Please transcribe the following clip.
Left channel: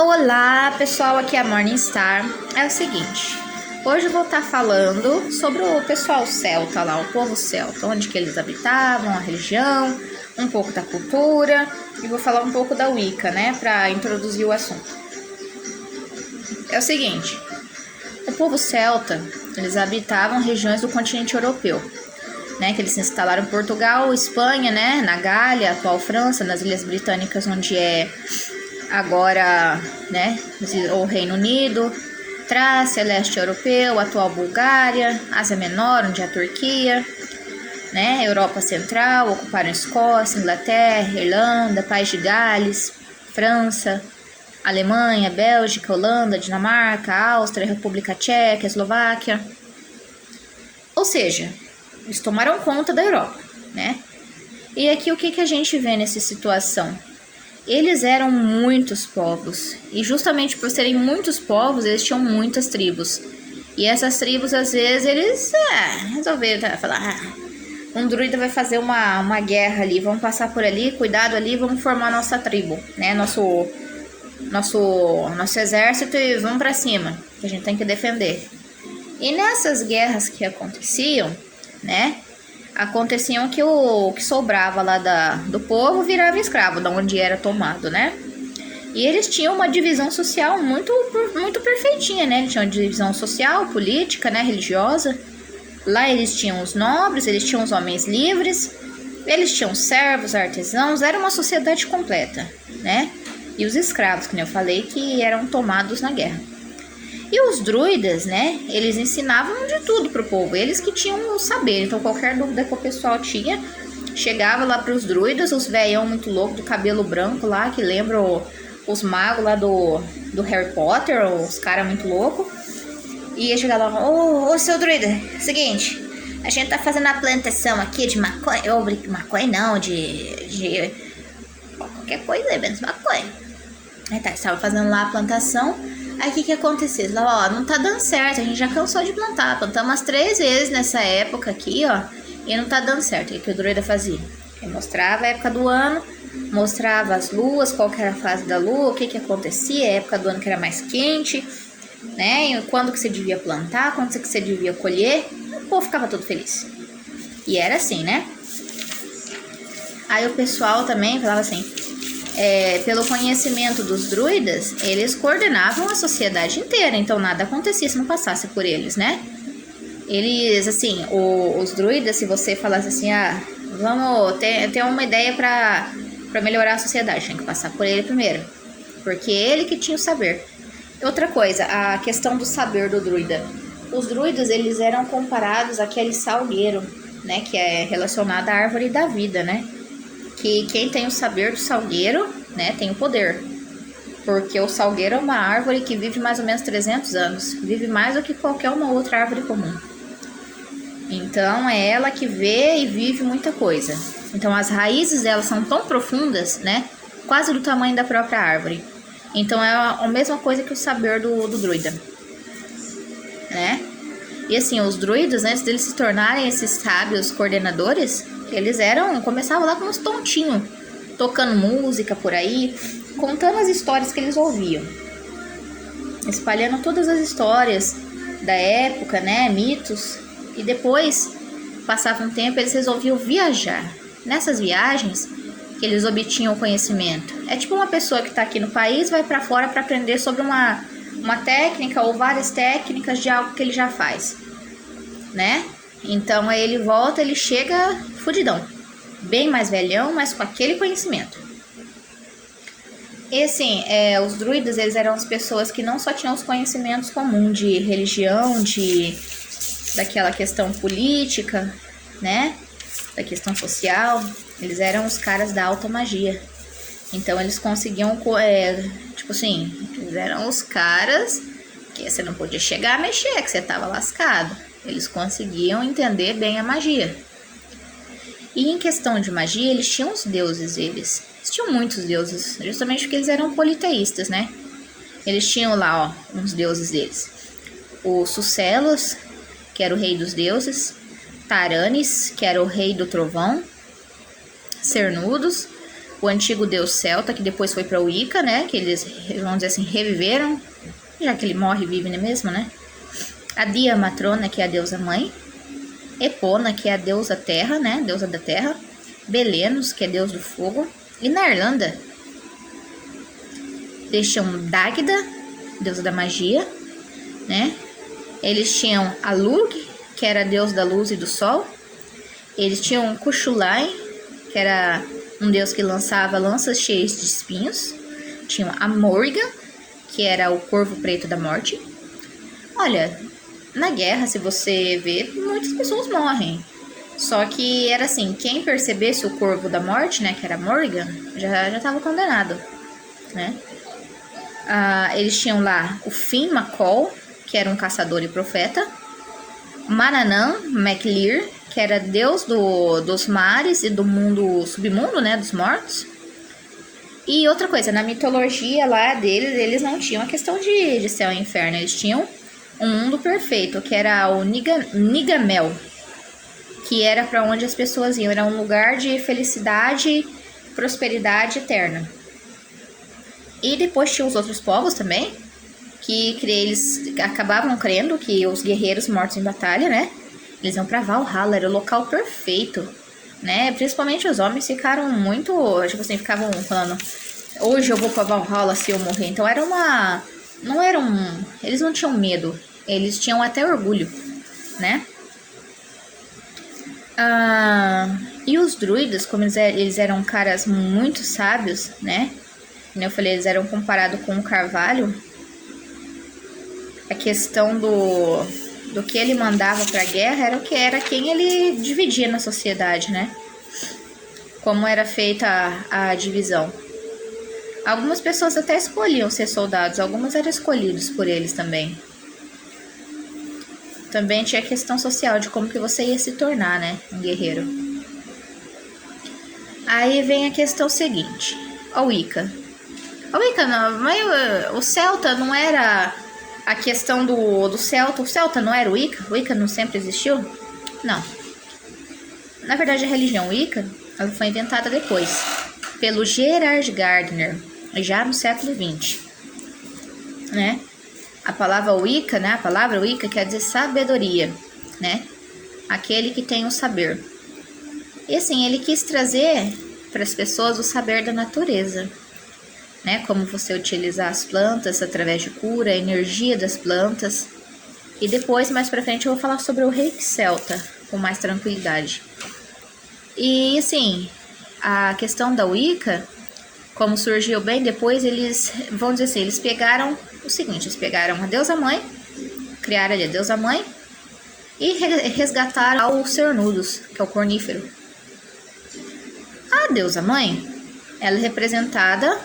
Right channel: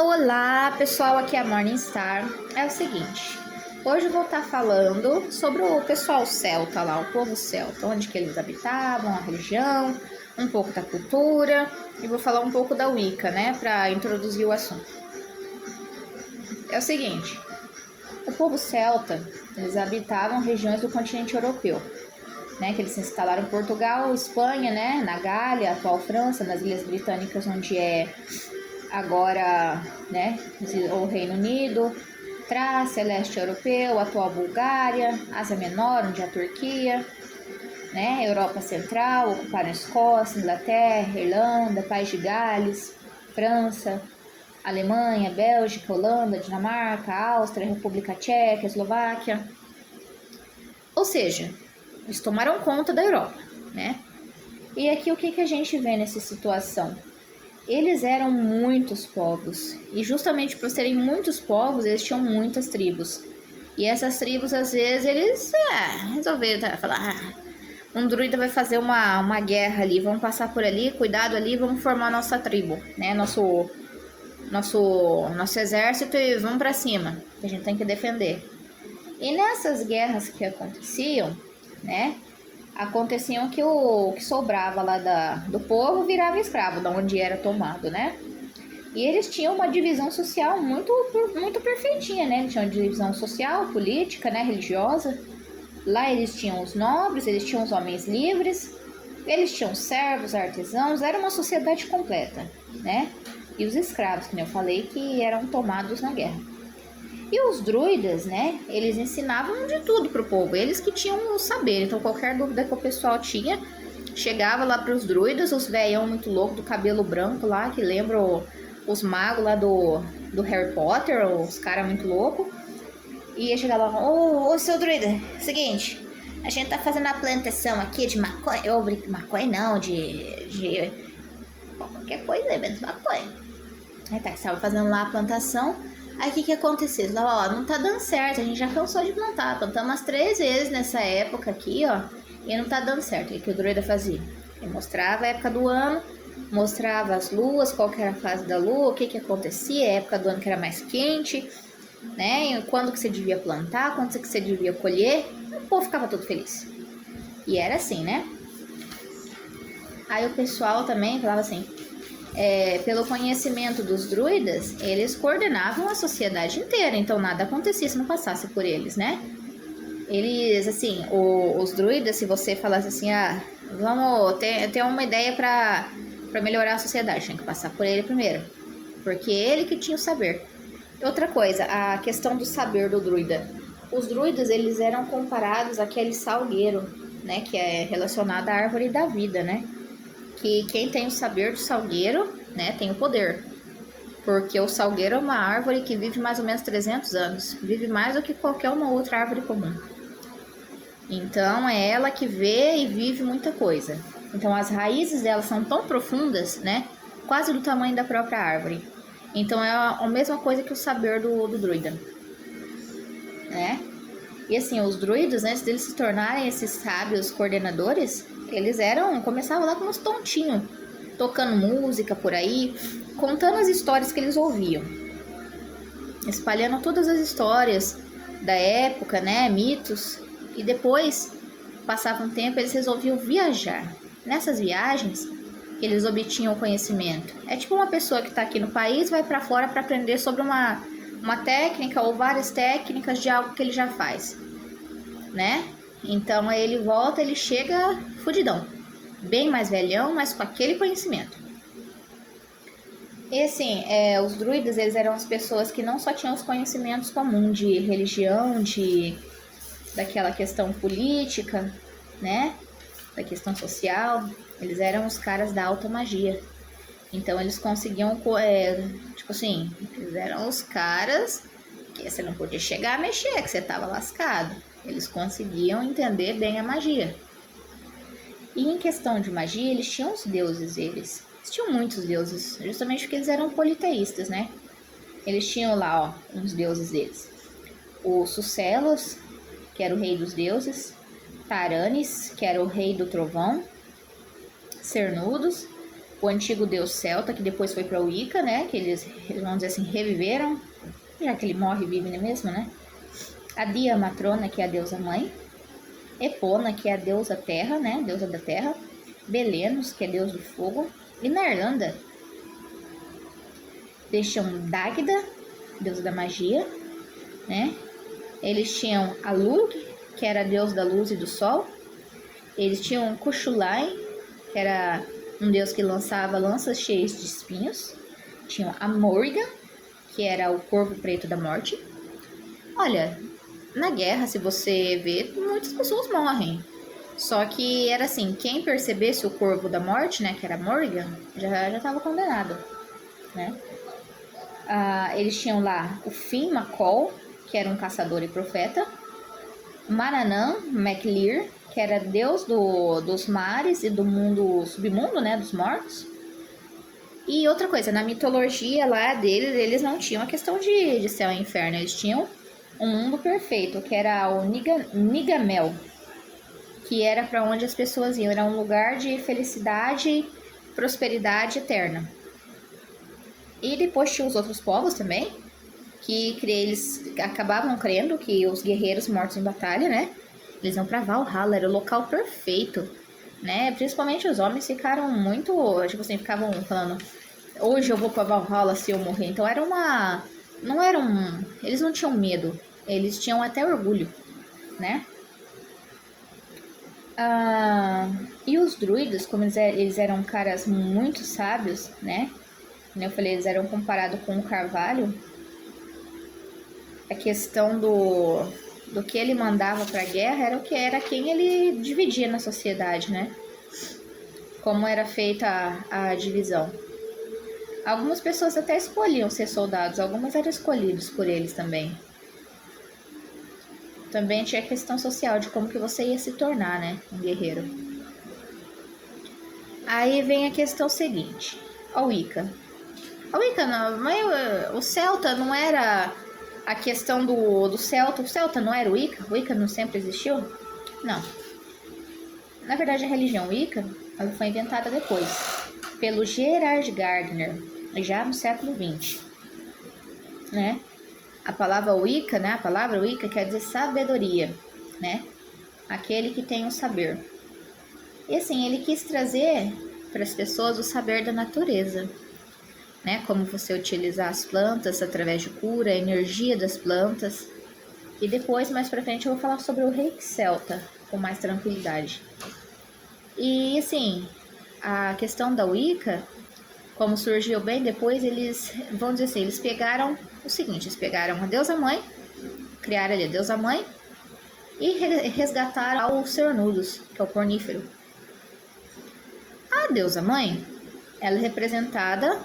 Olá pessoal, aqui é a Morningstar. É o seguinte, hoje eu vou estar falando sobre o pessoal celta lá, o povo celta, onde que eles habitavam, a religião, um pouco da cultura e vou falar um pouco da Wicca, né, para introduzir o assunto. É o seguinte, o povo celta, eles habitavam regiões do continente europeu, né, que eles se instalaram em Portugal, Espanha, né, na Gália, atual França, nas Ilhas Britânicas, onde é agora, né, o Reino Unido, Trácia, leste europeu, atual Bulgária, Ásia Menor, onde é a Turquia, né, Europa Central, ocuparam Escócia, Inglaterra, Irlanda, País de Gales, França, Alemanha, Bélgica, Holanda, Dinamarca, Áustria, República Tcheca, Eslováquia. Ou seja, eles tomaram conta da Europa, né? E aqui o que a gente vê nessa situação? Eles eram muitos povos, e justamente por serem muitos povos, eles tinham muitas tribos. E essas tribos, às vezes, eles resolveram falar, um druida vai fazer uma guerra ali, vamos passar por ali, cuidado ali, vamos formar nossa tribo, né? Nosso exército e vamos pra cima, que a gente tem que defender. E nessas guerras que aconteciam, né? Aconteciam que o que sobrava lá do povo virava escravo, da onde era tomado, né? E eles tinham uma divisão social muito perfeitinha, né? Eles tinham uma divisão social, política, né? Religiosa. Lá eles tinham os nobres, eles tinham os homens livres, eles tinham servos, artesãos, era uma sociedade completa, né? E os escravos, que eu falei, que eram tomados na guerra. E os druidas, né, eles ensinavam de tudo pro povo, eles que tinham o saber. Então qualquer dúvida que o pessoal tinha, chegava lá pros druidas, os velhão muito louco do cabelo branco lá, que lembram os magos lá do Harry Potter, os caras muito loucos. E ia chegar lá, ô seu druida, seguinte, a gente tá fazendo a plantação aqui de maconha, ou maconha não, de qualquer coisa, menos maconha. Aí tá, estava fazendo lá a plantação. Aí o que aconteceu? Ó, não tá dando certo, a gente já cansou de plantar. Plantamos umas 3 vezes nessa época aqui, ó, e não tá dando certo. O que o druida fazia? Ele mostrava a época do ano, mostrava as luas, qual que era a fase da lua, o que acontecia, a época do ano que era mais quente, né? E quando que você devia plantar, quando que você devia colher. O povo ficava todo feliz. E era assim, né? Aí o pessoal também falava assim, pelo conhecimento dos druidas, eles coordenavam a sociedade inteira, então nada acontecia se não passasse por eles, né? Eles, assim, os druidas, se você falasse assim, vamos ter uma ideia para melhorar a sociedade, tem que passar por ele primeiro, porque ele que tinha o saber. Outra coisa, a questão do saber do druida. Os druidas, eles eram comparados àquele salgueiro, né, que é relacionado à árvore da vida, né? Que quem tem o saber do salgueiro, né, tem o poder. Porque o salgueiro é uma árvore que vive mais ou menos 300 anos. Vive mais do que qualquer uma outra árvore comum. Então, é ela que vê e vive muita coisa. Então, as raízes dela são tão profundas, né, quase do tamanho da própria árvore. Então, é a mesma coisa que o saber do druida, né? E assim, os druidas, né, antes deles se tornarem esses sábios coordenadores, eles começavam lá como uns tontinhos, tocando música por aí, contando as histórias que eles ouviam, espalhando todas as histórias da época, né, mitos, e depois, passava um tempo, eles resolviam viajar. Nessas viagens, que eles obtinham conhecimento. É tipo uma pessoa que está aqui no país, vai para fora para aprender sobre uma técnica ou várias técnicas de algo que ele já faz, né? Então aí ele volta, ele chega fudidão, bem mais velhão, mas com aquele conhecimento. E assim, os druidas, eles eram as pessoas que não só tinham os conhecimentos comuns de religião, daquela questão política, né? Da questão social, eles eram os caras da alta magia. Então eles conseguiam, tipo assim, eles eram os caras que você não podia chegar a mexer, que você tava lascado. Eles conseguiam entender bem a magia. E em questão de magia, eles tinham os deuses deles. Eles tinham muitos deuses, justamente porque eles eram politeístas, né? Eles tinham lá, ó, uns deuses deles. O Sucelos, que era o rei dos deuses. Taranis, que era o rei do trovão. Cernunnos, o antigo deus celta, que depois foi para o Wicca, né? Que eles, vamos dizer assim, reviveram, já que ele morre e vive mesmo, né? A Dia Matrona, que é a deusa mãe. Epona, que é a deusa terra, né? Deusa da terra. Belenos, que é deus do fogo. E na Irlanda, eles tinham Dagda, deusa da magia, né? Eles tinham a Lug, que era a deusa da luz e do sol. Eles tinham Cuchulainn, que era um deus que lançava lanças cheias de espinhos. Tinham a Morrigan, que era o corvo preto da morte. Olha, na guerra, se você vê, muitas pessoas morrem. Só que era assim, quem percebesse o corvo da morte, né, que era Morrigan, já estava condenado, né? Eles tinham lá o Finn McCall, que era um caçador e profeta. Manannán MacLir, que era deus dos mares e do mundo submundo, né, dos mortos. E outra coisa, na mitologia lá deles, eles não tinham a questão de céu e inferno, eles tinham um mundo perfeito, que era o Nigamel, que era para onde as pessoas iam, era um lugar de felicidade e prosperidade eterna. E depois tinha os outros povos também, que eles acabavam crendo que os guerreiros mortos em batalha, né? Eles iam pra Valhalla, era o local perfeito, né? Principalmente os homens ficaram muito, tipo assim, ficavam falando, hoje eu vou pra Valhalla se eu morrer. Então era uma... não era um... eles não tinham medo, eles tinham até orgulho, né? E os druidas, como eles eram caras muito sábios, né? Como eu falei, eles eram comparados com o Carvalho. A questão do que ele mandava para a guerra era o que era quem ele dividia na sociedade, né? Como era feita a divisão. Algumas pessoas até escolhiam ser soldados, algumas eram escolhidos por eles também. Também tinha a questão social de como que você ia se tornar, né, um guerreiro. Aí vem a questão seguinte, a Wicca. A Wicca não, mas o celta não era a questão do celta. O celta não era o Wicca? O Wicca não sempre existiu? Não. Na verdade, a religião Wicca, ela foi inventada depois, pelo Gerard Gardner, já no século XX, né? A palavra Wicca, né? A palavra Wicca quer dizer sabedoria, né? Aquele que tem o saber. E assim, ele quis trazer para as pessoas o saber da natureza, né? Como você utilizar as plantas através de cura, a energia das plantas. E depois, mais pra frente, eu vou falar sobre o reiki celta, com mais tranquilidade. E assim, a questão da Wicca, como surgiu bem depois, eles, vamos dizer assim, eles pegaram o seguinte, eles pegaram a deusa mãe, criaram ali a deusa mãe e resgataram o Cernunnos, que é o cornífero. A deusa mãe, ela é representada